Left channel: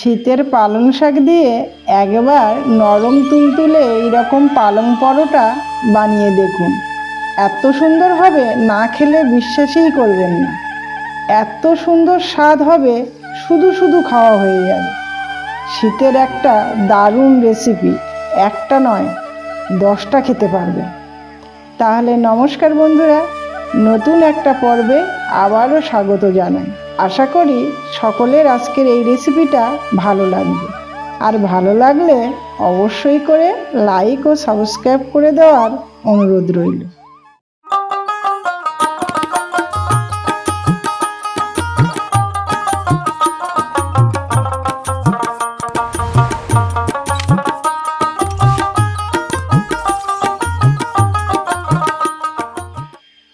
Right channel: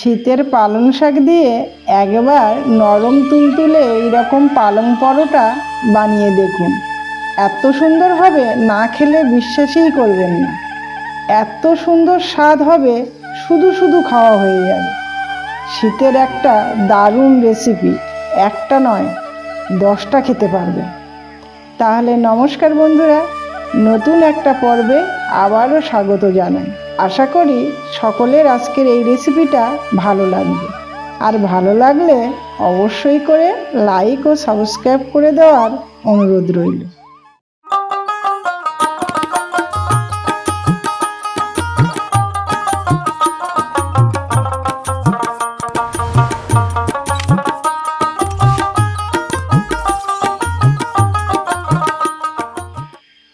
শীতের পালং শাক দিয়ে একবার নরম তুলতুলে এইরকম পালং পরোটা বানিয়ে দেখুন। এত সুন্দর হবে, না খেলে বিশ্বাসই করবেন না। এত সুন্দর স্বাদ হবে, শুধু শুধু খাওয়া হয়ে যাবে। শীতের একটা দারুণ রেসিপি, একটা নয় 10টা খেতে পারবে। তাহলে নমস্কার বন্ধুরা, নতুন একটা পর্বে আবারও স্বাগত জানাই। আশা করি সকলের আজকের এই রেসিপিটা ভালো লাগবে। আর ভালো লাগলে অবশ্যই করে লাইক ও সাবস্ক্রাইব করে দেওয়ার অনুরোধ রইল।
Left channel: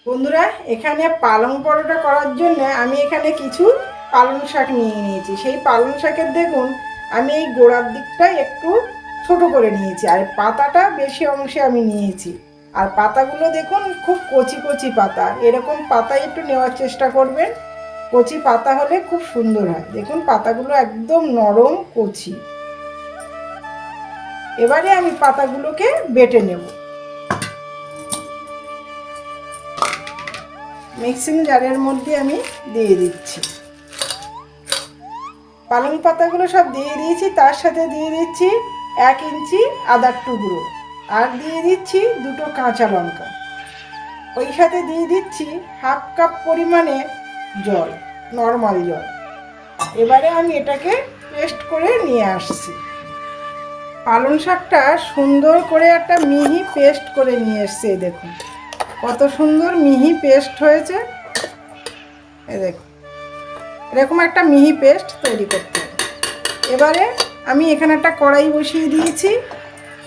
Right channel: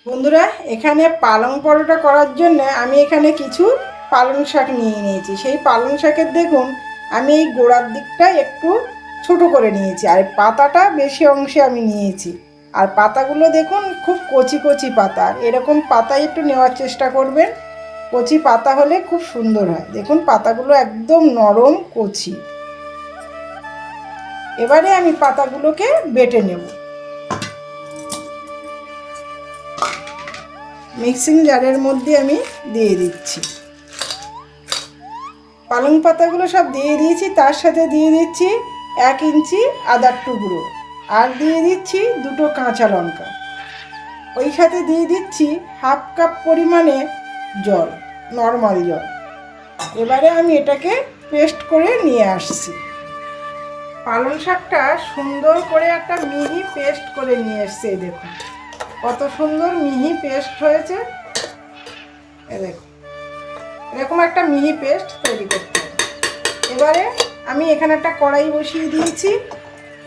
বন্ধুরা, এখানে পালং পরোটা করার জন্য আমি এখানে কিছু পালং শাক নিয়ে নিয়েছি। সেই পালং শাকের দেখুন আমি এই গোড়ার দিকটা একটু ছোট করে নিয়েছি, আর পাতাটা বেশি অংশে আমি নিয়েছি। আর পাতাগুলো দেখুন খুব কচি কচি পাতা, এরকম পাতাই একটু নেওয়ার চেষ্টা করবেন। কচি পাতা হলে খুব সুন্দর হয়। দেখুন পাতাগুলো একদম নরম কচি। এবারে আমি পাতাগুলোকে বেটে নেব। মিক্সিং জারের মধ্যে আমি দিয়ে দিচ্ছি। পালং পাতাগুলো সব দিয়ে দিয়েছি, তার সাথে দিয়ে দিচ্ছি 1 ইঞ্চি আদার টুকরো, আর দিয়ে দিচ্ছি 2টো কাঁচা লঙ্কা। ওই সাথে দিয়ে দিচ্ছি 1/2 কাপ পরিমাণে জল, নর্মাল জল। এবারে আমি এটাকে পেস্ট করে নিয়ে আসছি। পালং শাকটা সুন্দর করে একটা মিহি পেস্ট করে নিয়ে এসছি। দেখুন কত সুন্দর মিহি পেস্ট হয়েছে। দেখুন এরকম একটা মিহি পেস্ট তৈরি করতে হবে। এবারে আমি এখানে একটা কড়াই বসিয়ে দিয়েছি,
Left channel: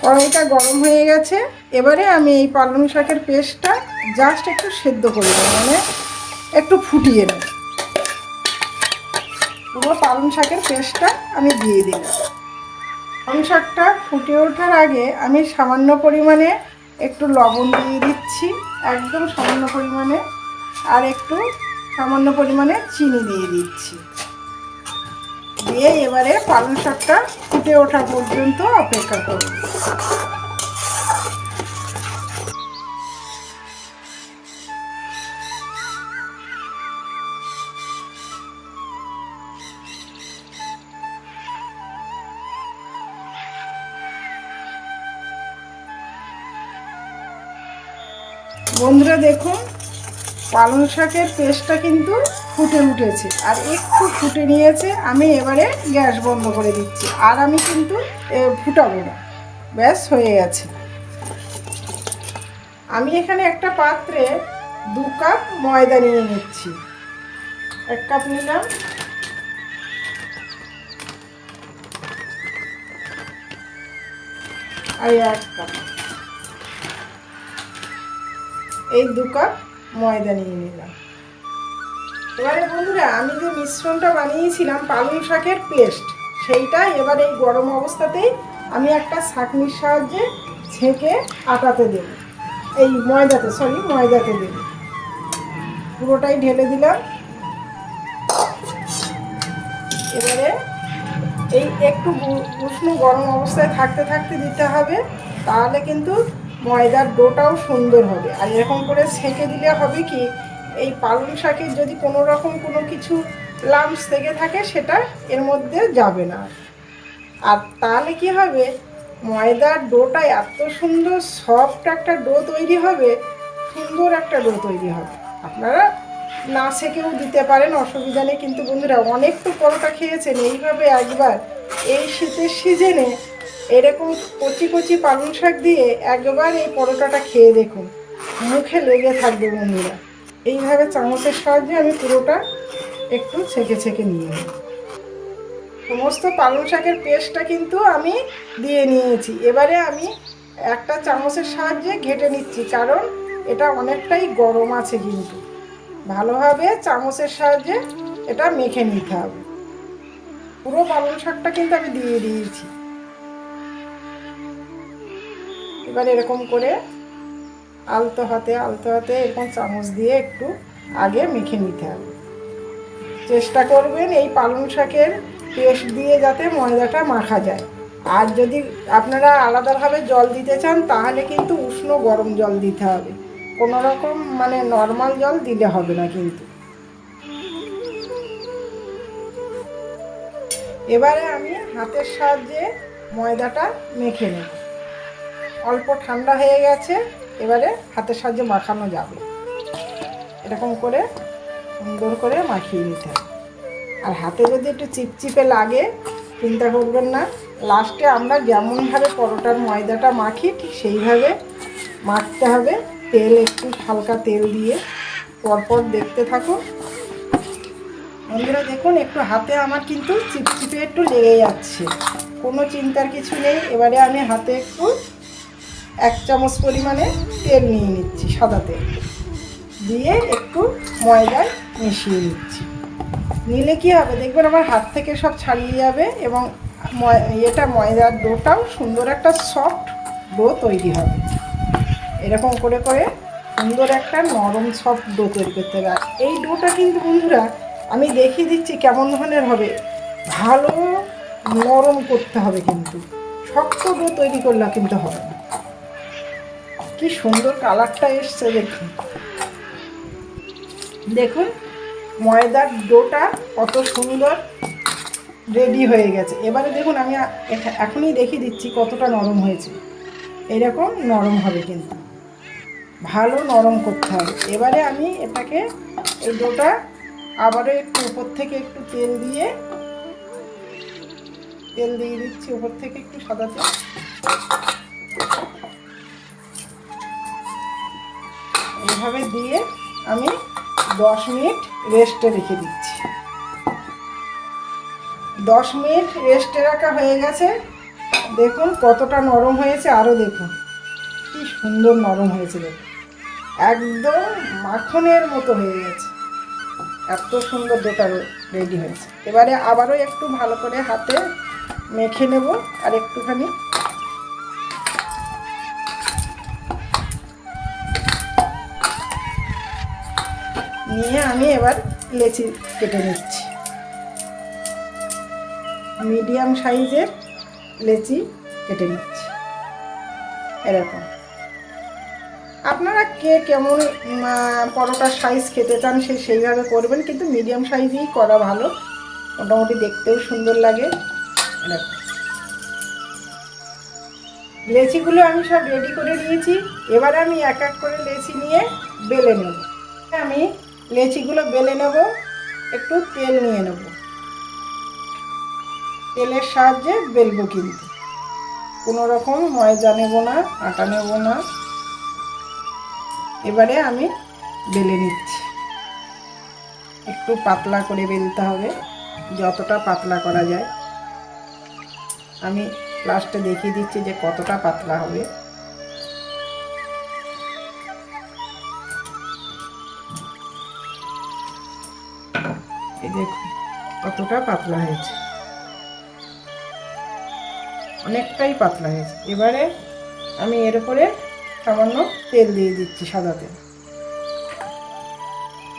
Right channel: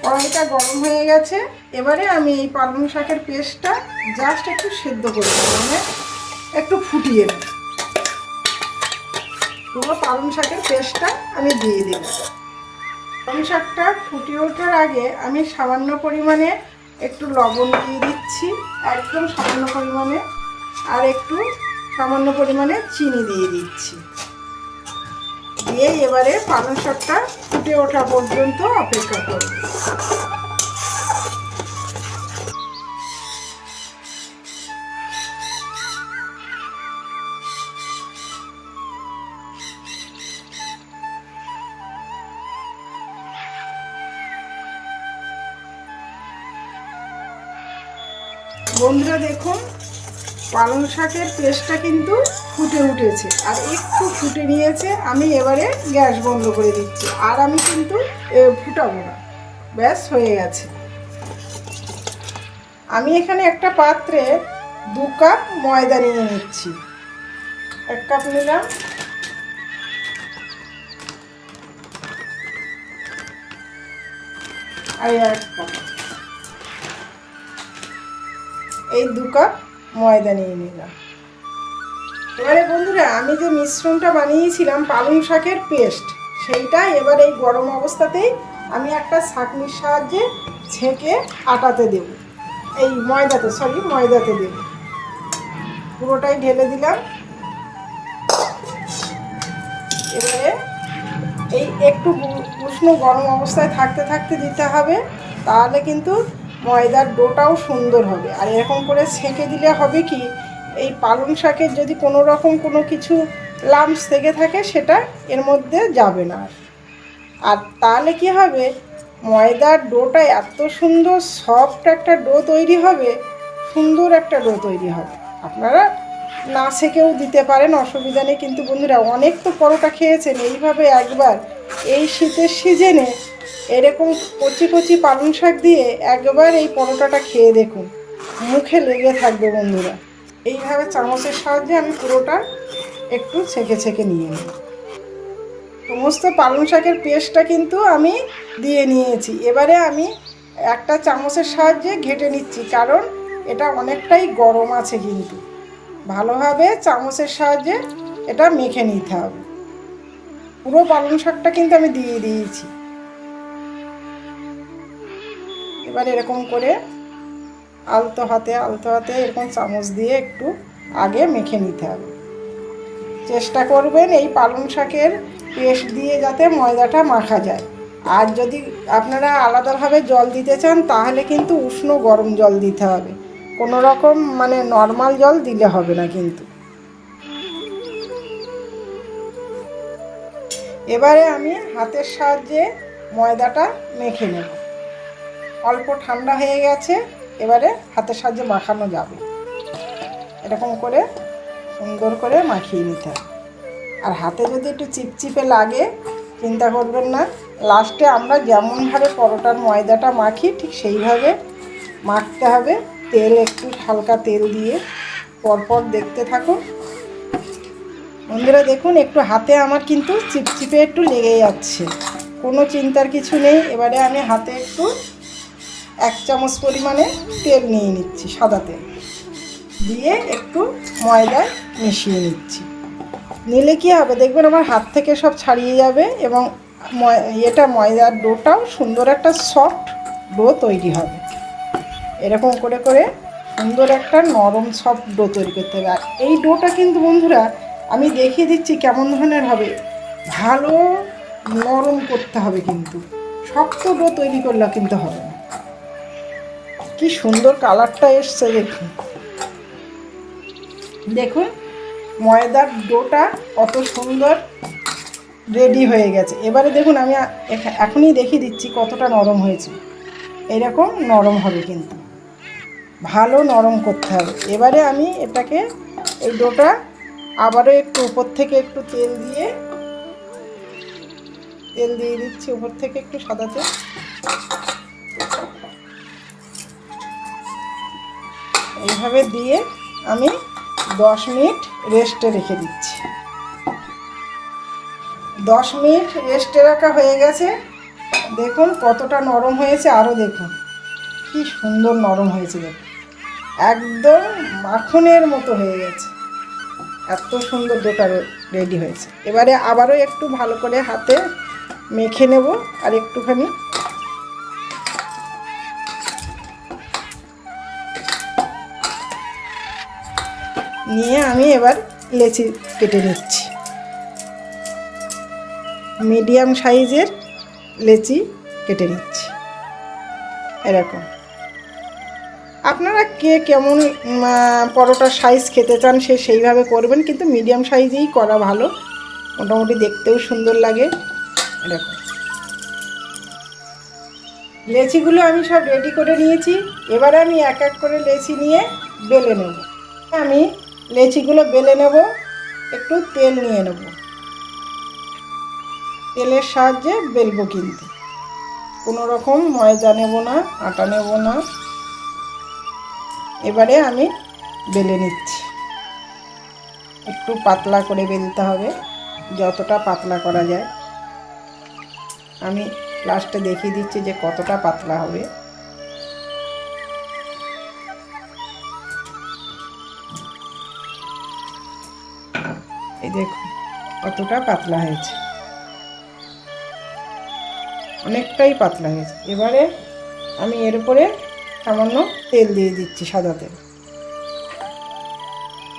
কড়াইটা গরম হয়ে গেছে। এবারে আমি এই পালং শাকের পেস্টটা জাস্ট একটু সেদ্ধ করে দেবো, মানে একটু ফুটিয়ে নেব। পুরো পালং শাকের পেস্টটা আমি দিয়ে দিই। পালং শাকটা ফুটে ওঠার আগে আমি সামান্য পরিমাণে একটু লবণ দিয়ে দিচ্ছি, একদম সামান্য পরিমাণে, আর একটু সামান্য পরিমাণে চিনি দিয়ে দিচ্ছি। দিয়ে এবারে পালং শাকটা ফুটে ওঠা পর্যন্ত অপেক্ষা করব। বন্ধুরা দেখুন পালং শাকের পেস্টটা কিন্তু ফুটে উঠেছে, আর একটু ফুটে নিয়েছে। আমি এবারে গ্যাস বন্ধ করে দিচ্ছি, আর আমি কিন্তু ফুটাবো না, ব্যাস হয়ে গেছে। আমি এখানে একটা পাত্রে 2 কাপ ময়দা নিয়ে নিচ্ছি। 1 কাপ নিলাম, আর 1 কাপ, এই 2 কাপ ময়দা নিয়ে নিলাম। এবারে বন্ধুরা আমি যে মিশ্রণটা বানিয়েছিলাম পালং শাকের পেস্ট, সেইটা এবার এই গরম অবস্থাতেই আমি একটা ছাঁকনির সাহায্যে ছেঁকে আটাতে দেব, এই ময়দাতে দেব। পুরোটাই ঢেলে দিলাম। এবারে এই একটু উষ্ণ গরম অবস্থায় থাকতে থাকতে দিতে হবে, তাহলে কিন্তু ময়দার ডোটাও সুন্দর হবে। আর এরকম করে ছেঁকে দিলে হবে কি, এই পালং শাকের যদি কোনো রকম কোনো কিছু লাম্পস থেকে থাকে সেটা এর মধ্যে যাবে না। আর তাহলে কি হবে, ময়দার ডোটা এত সুন্দর সফট একটা ডো তৈরি হবে, সুন্দর একটা ডো তৈরি হবে। আপনারা না ছেঁকেও দিতে পারেন, অসুবিধা নেই। কিন্তু বন্ধুরা অনেক তো পরোটা খেয়েছেন, এইভাবে একবার এই শীতের সিজনে এরকম কচি কচি পালং শাক দিয়ে একবার এই পরোটাটা খেয়ে দেখুন, মুখে লেগে থাকবে বন্ধুরা। এইভাবে চামচের সাহায্যে আমি পুরোটা একটু ছেঁকে ছেঁকে নিয়ে নেব। সমস্ত পালং শাকের পেস্টটা কিন্তু আমি দিয়ে নিয়েছি। এবারে আমি একটা চামচের সাহায্যে ঘেটে নিচ্ছি, কারণ এটা অনেকটাই গরম আছে। কিন্তু ভালোভাবে চামচের সাহায্যে এটা মেখে নিতে হবে। পুরো পালং শাকটা কিন্তু আমি দিয়ে দিয়েছি। এবার এরকম করে আলতো হাতে এরকম চামচ দিয়ে একটু আগে মেখে নিতে হবে। চেষ্টা করবেন এই পালং শাকের পেস্ট দিয়ে যাতে ময়দাটা মাখা যায়। আর যদি আপনারা আলাদাভাবে জল দিতে চান তাহলে কিন্তু উষ্ণ গরম জল দিতে হবে, কোনো রকম মানে নর্মাল জল দিলে হবে না কিন্তু। এবারে আমি হাতের সাহায্যে ময়দাটা মেখে নেব। অল্প ঠান্ডা হয়ে গেছে, এবারে হাতের সাহায্যে মাখানো যাবে। এরকম করে সুন্দর করে মাখিয়ে নিতে হবে। আর হাতে যদি একটু চিপচিপে লাগে চিন্তা করবেন না, লাস্টে আমরা যেমনভাবে পরোটার ময়দাটা মাখি ঠিক সেইভাবে মাখতে হবে। তেল একটু হালকা তেল দিয়ে পরপর দেখতে থাকুন। বন্ধুরা দেখুন একটু হাতে আমার কিন্তু চিপচিপে একটু লেগে যাচ্ছে, কোনো চিন্তার কিছু নেই। এবারে আমি হাতে একটু 1 চামচ পরিমাণে তেল নিয়ে নিচ্ছি, সাদা তেল দিয়ে একটু ময়দায় মিশিয়ে নিচ্ছি। নিলে কি হবে দেখবেন আমার হাত থেকে সব ছাড়িয়ে যাবে এবং ময়দার ডোটাও সুন্দর একটা সফট ডো তৈরি হবে। এরকম করে করে সুন্দর একটা নরম সফট ডো তৈরি করতে হবে। আর এই ডোটা কিন্তু বন্ধুরা আমি দেখিয়ে দিচ্ছি কেমন ধরনের হবে, ভালো নরম করতে হবে, কিন্তু শক্ত ডো তৈরি করলে কিন্তু হবে না। কি সুন্দর কালারটা এসছে দেখুন। দেখুন ময়দার ডোটা কত সুন্দর রেডি হয়ে গেছে। এবারে দেখুন আমি এখনই দেখিয়ে দিচ্ছি কতটা নরম হয়েছে। এইরকম নরম হবে, কিন্তু ভালো নরম করতে হবে। এবারে আমি এটাকে এই ডোটা আবারও একটু উপর থেকে একটু তেল দিয়ে দিচ্ছি, উপর থেকে একটু সাদা তেল। এইভাবে দিয়ে আমি 10 মিনিট রেস্টে রেখে দিচ্ছি। 10 মিনিট রেস্টে রাখা হয়ে গেছে। দেখুন কতটা নরম হয়েছে, আরও দেখুন কি সুন্দর নরম হয়েছে। দেখুন একদম মাখনের মতো হয়ে গেছে, এত সুন্দর ডোটা রেডি হয়েছে। এবারে আবারও একটু ভালো করে হাতে মেখে নেব আর একটুখানি। নিয়ে আমি এবার লেচি কেটে নিচ্ছি। মিডিয়াম সাইজের লেচি কেটে নিচ্ছি এরকম। আপনারা কে কেমন পরোটার সাইজ খেতে চান সেইভাবে করবেন, কিন্তু মিডিয়াম সাইজেই করা ভালো, মোটামুটি দেখতেও সুন্দর লাগে। এরকম লেচিগুলো আমি সব রেডি করে নিয়েছি। এবার আমি এক এক করে লেচি নিয়ে বেলে নেব। আমি লেচিগুলো বেলে নেব, একটু তেল নিয়ে নেব, তেলের সাহায্যে বেলবো, কিন্তু কোনো রকম ময়দা নেব না, আটা নেব না। এবারে আমি বেলে নিচ্ছি। একটু পাতলা করে বেলতে হবে, যতটা পাতলা করা যায়। আমি লাস্টে দেখিয়ে দিচ্ছি যে কতটা পাতলা হবে। এই দেখুন কতটা পাতলা হয়েছে, অনেকটাই পাতলা হয়েছে। এবারে আমি এর উপরে সামান্য তেল দিয়ে দিচ্ছি, সাদা তেল।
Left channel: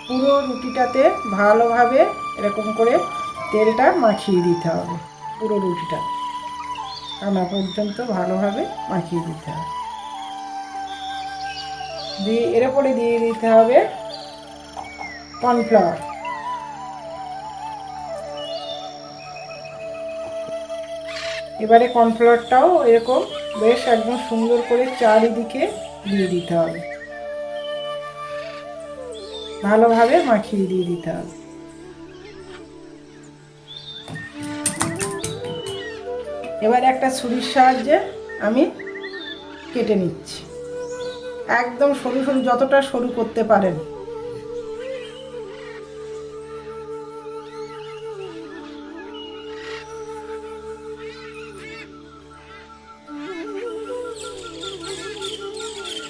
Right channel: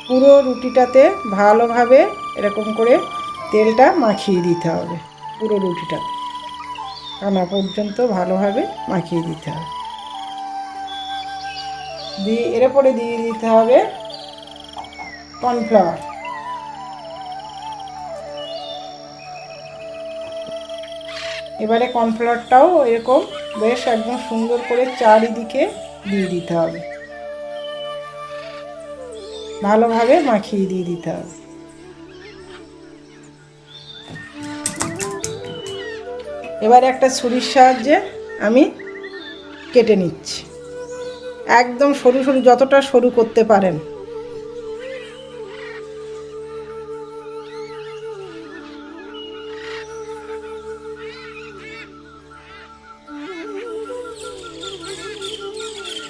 পুরো রুটিটাতে ভালোভাবে এরকম করে তেলটা মাখিয়ে দিতে হবে, পুরো রুটিটা আনা পর্যন্ত ভালোভাবে মাখিয়ে দিতে হবে। দিয়ে এর উপরে দিয়ে দিতে হবে কর্নফ্লাওয়ার। এবারে কর্নফ্লাওয়ারটাও এরকম বেশ একদম সুন্দর করে চারিদিকে দিয়ে দিতে হবে, ভালোভাবে মাখিয়ে দিয়ে দিতে হবে। এবারে একটা ছুরির সাহায্যে আমি কেটে নিচ্ছি, একদম সরু সরু, যতটা সরু করতে পারেন।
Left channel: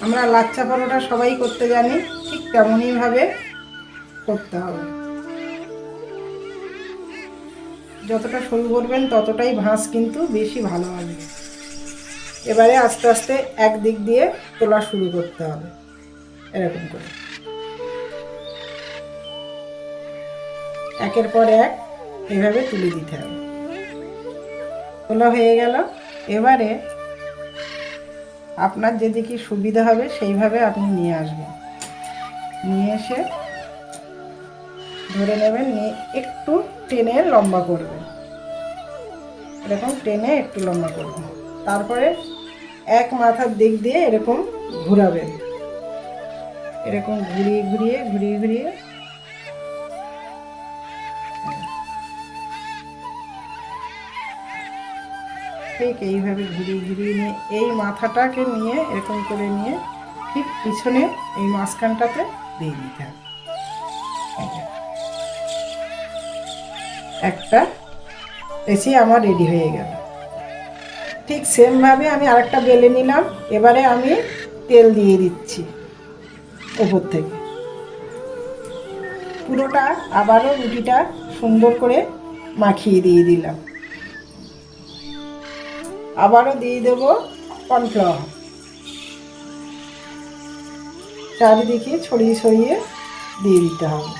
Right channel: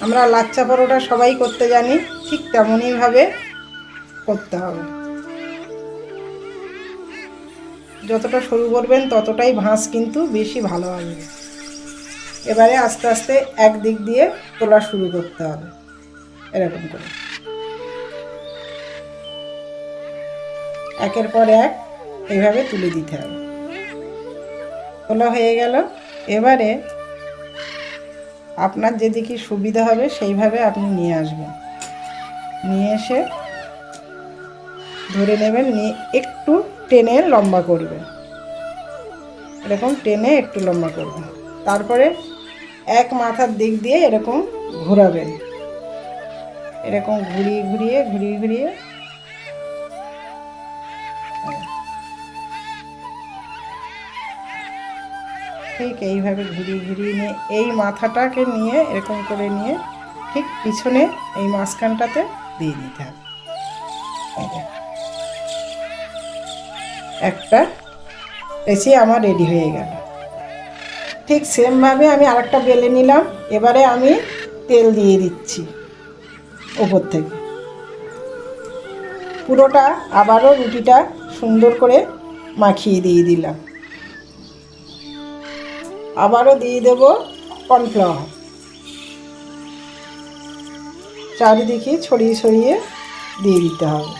আমরা লাচ্ছা পরোটা সবাই করতে জানি, ঠিক তেমনইভাবে করতে হবে। যতটা সরু করবেন ততটাই ভাঁজ কিন্তু বেশি ভালো হবে। এবারে আস্তে আস্তে একদিক দিয়ে তোলা শুরু করতে হবে, এরকম করে একের পর এক এইভাবে তুলে দিতে হবে। খোলা হয়ে গেল। এবারে আপনার যেদিকে সুবিধা হবে সেইভাবে আপনি নিয়ে আসবেন, নিয়ে এসে ধরে নেবেন, নিয়ে একটু টেনে লম্বা করবেন, এরকম টেনে একটু লম্বা করবেন। তারপরে এক মাথার দিক দিয়ে এরকম ঘোরাবেন, এরকম ঘুরিয়ে ঘুরিয়ে ঘুরিয়ে ঘুরিয়ে ঠিক এইভাবে ঘুরিয়ে ঘুরিয়ে নিয়ে এই মাথাটাকে নিয়ে এরকম করে নিয়ে ঠিক পিছনে এই মাঝখানটাতে দিয়ে দিতে হবে। একটা এসি আমার রেডি হয়ে গেল। ঠিক সেমভাবে আমি আরেকটা বেলে নিলাম। এবারে আমি তেল দিয়ে দিচ্ছি ওপর থেকে পুরোটা, আবারও রুটিটা সুন্দর করে মাখিয়ে দিয়ে দিলাম। আবারও দিয়ে দেব কর্নফ্লাওয়ার, চারিদিকে ছড়িয়ে ছড়িয়ে দিয়ে দিতে হবে।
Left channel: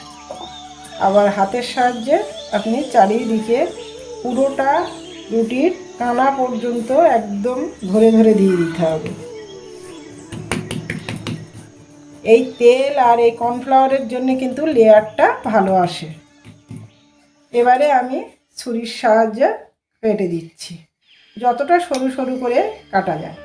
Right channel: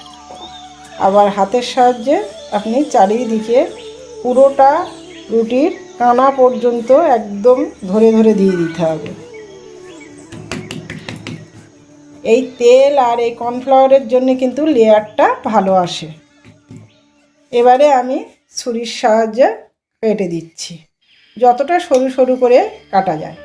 আবার হাতের সাহায্যে আপনি চারিদিকে পুরোটা রুটির কানা পর্যন্ত একদম ধরে ধরে দিয়ে দিতে হবে। এই তেল আর এই কর্নফ্লাওয়ারের জন্য কিন্তু লেয়ারটা ভালো আসে। এবারে আমি ছুরির সাহায্যে কেটে দিচ্ছি, যতটা সরু সরু করে কাটা যায়।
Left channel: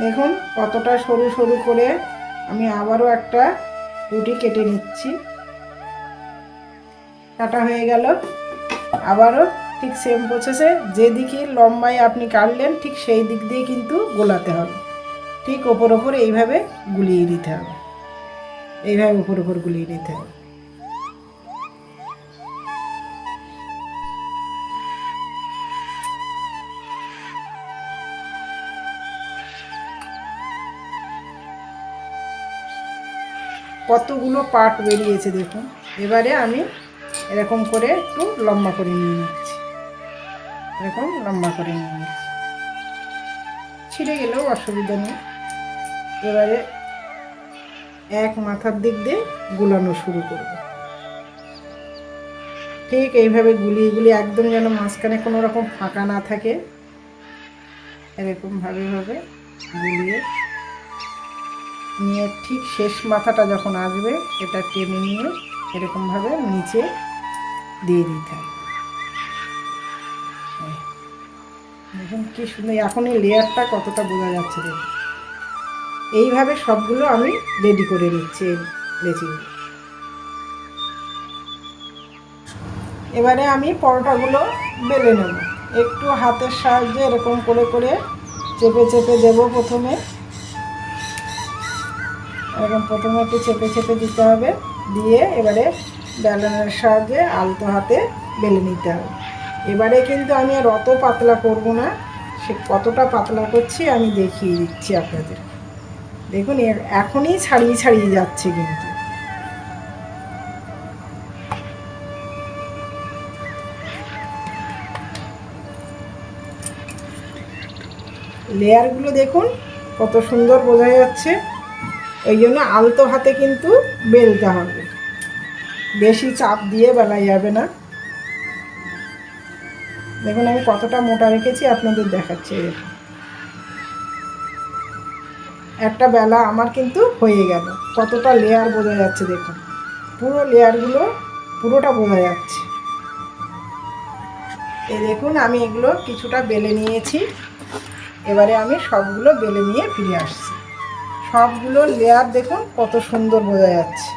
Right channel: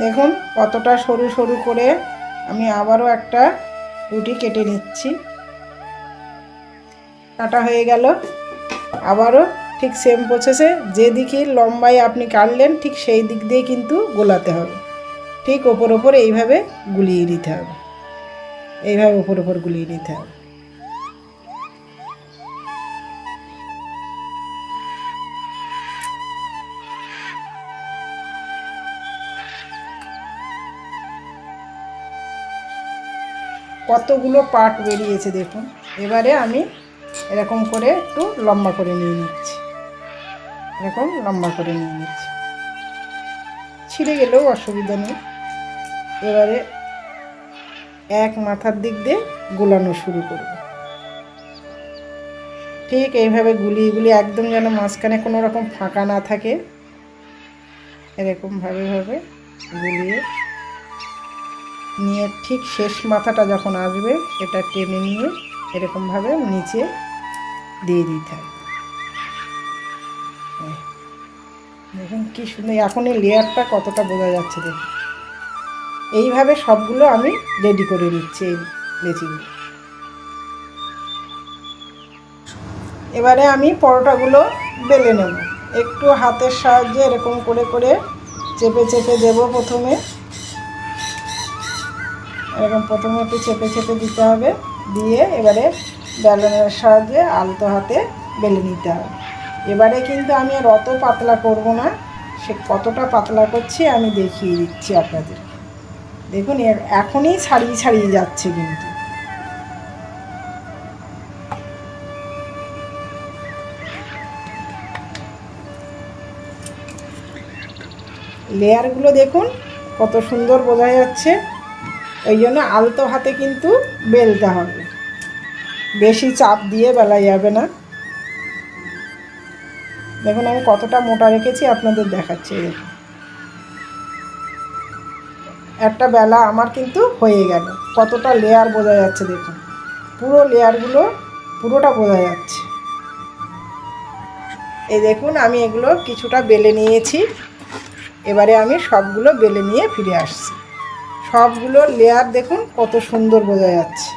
দেখুন কতটা সরু সরু করে আমি আবারও একটা রুটি কেটে নিচ্ছি। কাটা হয়ে গেল। আবারও ঠিক সেম প্রসেসে যেদিকে লম্বায় আপনি কাটলেন ঠিক সেই দিক দিয়ে কিন্তু গোলাতে হবে। ঠিক ওপর ওপর এইভাবে গুলিয়ে নিতে হবে, এইভাবে ওপর ওপর গুলিয়ে নিতে হবে। কতগুলো পার্ট বেরিয়েছে দেখুন। এবারে আমি এরকম করে একটু লম্বা করে নিয়ে নিচ্ছি, এরকম লম্বা করে নিয়ে নিচ্ছি, ছিঁড়ে গেলেও অসুবিধা নেই। এবারে এক মাথার দিক দিয়ে গোলানো শুরু করব। ঠিক এইভাবে গুলিয়ে গুলিয়ে একদম যেন মাঝখানে কোনো রকম ফাঁকা না থাকে, এরকমভাবে গুলিয়ে নিয়ে ঠিক শেষ মাথাটা যখন আসবে সেটা টেনে নিয়ে এরকমভাবে নিচে দিয়ে দিতে হবে। দেখুন কি সুন্দর, এখন এই লেয়ারটা কতটা বোঝা যাচ্ছে দেখুন। এইভাবে সবগুলো আমি রেডি করে নিচ্ছি এই লেচিগুলো। এবারে আমি পরোটাগুলো বেলে নেব। একটু হাতের সাহায্যে এরকম করে করে চেপে চেপে দেব। প্রথমে এরকম প্রথমে একটু চেপে চেপে দিতে হবে, দিয়ে এবারে বেলনের সাহায্যে আলতো হাতে বেলে নিতে হবে। এবারে কিন্তু আমি আর অত পাতলা করব না, সে কতটা পাতলা করছি আমি দেখিয়ে দিচ্ছি আপনাদের। দেখুন এর এখনই ছাড়িয়ে ছাড়িয়ে যাচ্ছে কিন্তু। লেয়ারগুলো দেখুন কত সুন্দর বোঝা যাচ্ছে। এই জন্য আলতো হাতে কিন্তু বেলতে হবে, বেশি চাপ দিয়ে বেলা যাবে না। দেখুন আমি কতটা মোটা রেখেছি আপনাদের দেখাচ্ছি। দেখুন একটা বেলা আমার কিন্তু হয়ে গেল। কতটা লেয়ার বোঝা যাচ্ছে দেখুন, পুরো লেয়ারগুলো পুরোটা বোঝা যাচ্ছে। এই দেখুন আমি এগুলো কিছুটা বেলে নিয়েছি। এবারে আমি সবগুলো বেলে নিয়ে ফিরে আসছি। সবগুলো লেয়ার দেখুন কত সুন্দর বোঝা যাচ্ছে,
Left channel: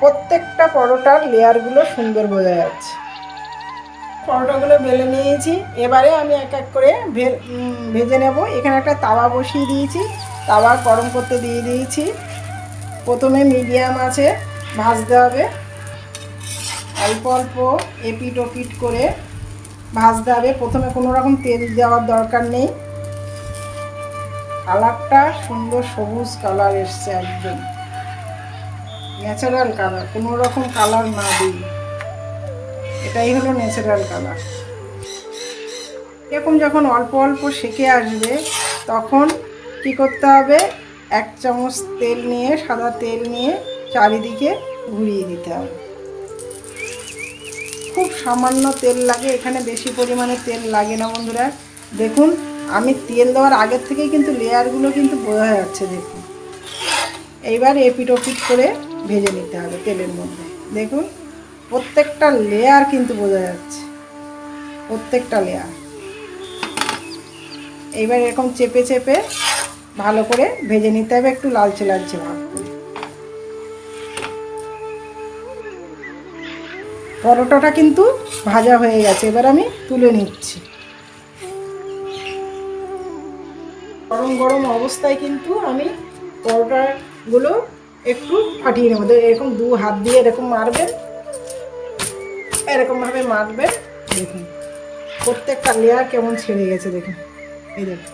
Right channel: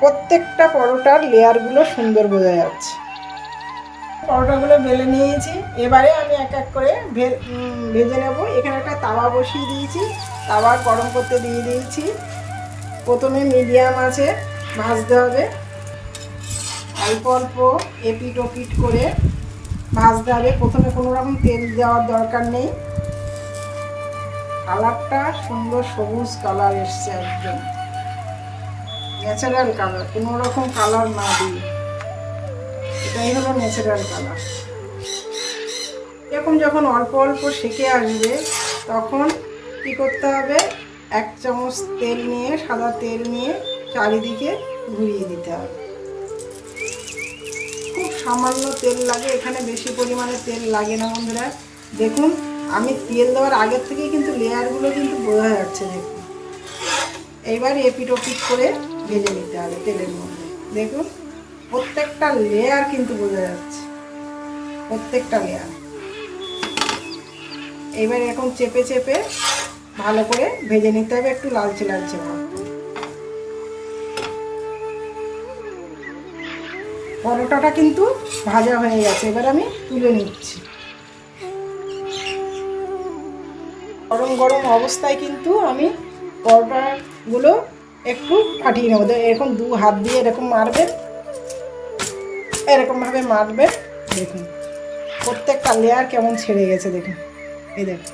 প্রত্যেকটা পরোটার লেয়ারগুলো সুন্দর বোঝা যাচ্ছে। পরোটাগুলো বেলে নিয়েছি। এবারে আমি এক এক করে ভেজে নেব। এখানে একটা তাওয়া বসিয়ে দিয়েছি, তাওয়া গরম করতে দিয়ে দিয়েছি। প্রথমে মিডিয়াম আছে ভাজতে হবে, অল্প অল্প এপিট ওপিট করে ভাজতে হবে। প্রথমে কোনো রকম তেল দেওয়ার দরকার নেই। কালারটা সুন্দর সবুজ কালার এসছে, একদম ন্যাচারাল কালার, কোনো রকম কালার না দিই, এটাই হলো ন্যাচারাল কালার। এরকম যখন অল্প অল্প সেকে আসবে তখন কি করতে হবে, 1 চামচ তেল নিয়ে, সাদা তেল নিয়ে চারিদিকে ঘুরিয়ে দিতে হবে। খুব সামান্য তেল লাগে, এখানে বেশি পরিমাণে তেল লাগে না বন্ধুরা। দেখুন আমি তেল দেওয়ার আগের থেকেই কিন্তু লেয়ারগুলো কিন্তু বোঝা যাচ্ছে। দেখুন এইবার এপিট ওপিট করে ভেজে নিতে হবে তেলের মধ্যে। দেখুন প্রত্যেকটা লেয়ার কিন্তু বোঝা যাচ্ছে, প্রত্যেকটা লেয়ার। এইবার এরকম চেপে চেপে ভালো করে ভেজে নিতে হবে, একটু লালচে লালচে ভাব। পরোটাটা কিন্তু ভাজা হয়ে গেছে, এবার আমি তুলে নিচ্ছি। গরম গরম অবস্থায় কিন্তু আমি পরোটাগুলো একটু ফাটিয়ে নেবো। এরকম 2 হাত দিয়ে এরকম মারবেন, এরকমভাবে মারবেন। দেখুন প্রত্যেকটা লেয়ার কেমন ছেড়ে গেছে, দেখুন এই দেখুন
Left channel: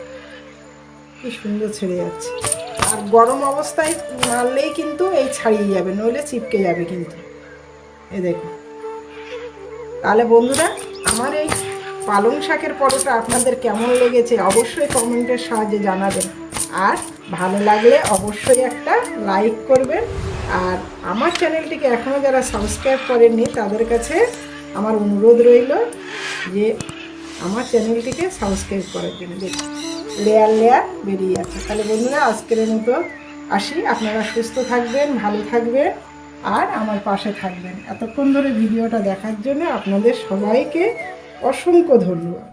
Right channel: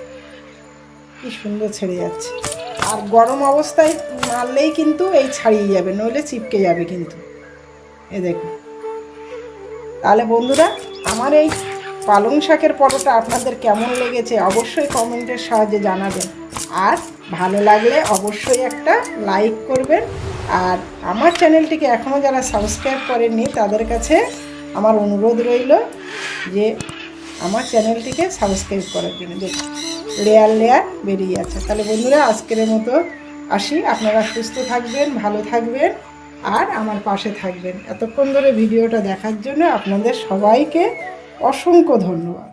কি সুন্দর ছেড়ে যাচ্ছে। আর গরম অবস্থায় মারলেই কিন্তু এই ছাড়িয়ে যাবে, নইলে চিপকে যাবে কিন্তু। এই দেখুন। তাহলে বন্ধুরা আমার এই পালং শাকের পরোটা আপনাদের কেমন লেগেছে অবশ্যই কমেন্টের সাহায্যে জানাবেন। আর ভালো লাগলে অবশ্যই একটা লাইক করবেন। আর আমার চ্যানেলটিকে এখনও যারা সাবস্ক্রাইব করেননি তাদের কাছে আমার অনুরোধ রইল যে আমার চ্যানেলটিকে সাবস্ক্রাইব করার জন্য। দেখুন লেয়ার লেয়ার বেরিয়ে আছে। তাহলে বন্ধুরা আজকের মতো আসি, আপনারা সুস্থ থাকবেন, ভালো থাকবেন আর আমার পাশে থাকবেন। এতক্ষণ ধরে ভিডিওটা দেখার জন্য আপনাদের সবাইকে অসংখ্য ধন্যবাদ।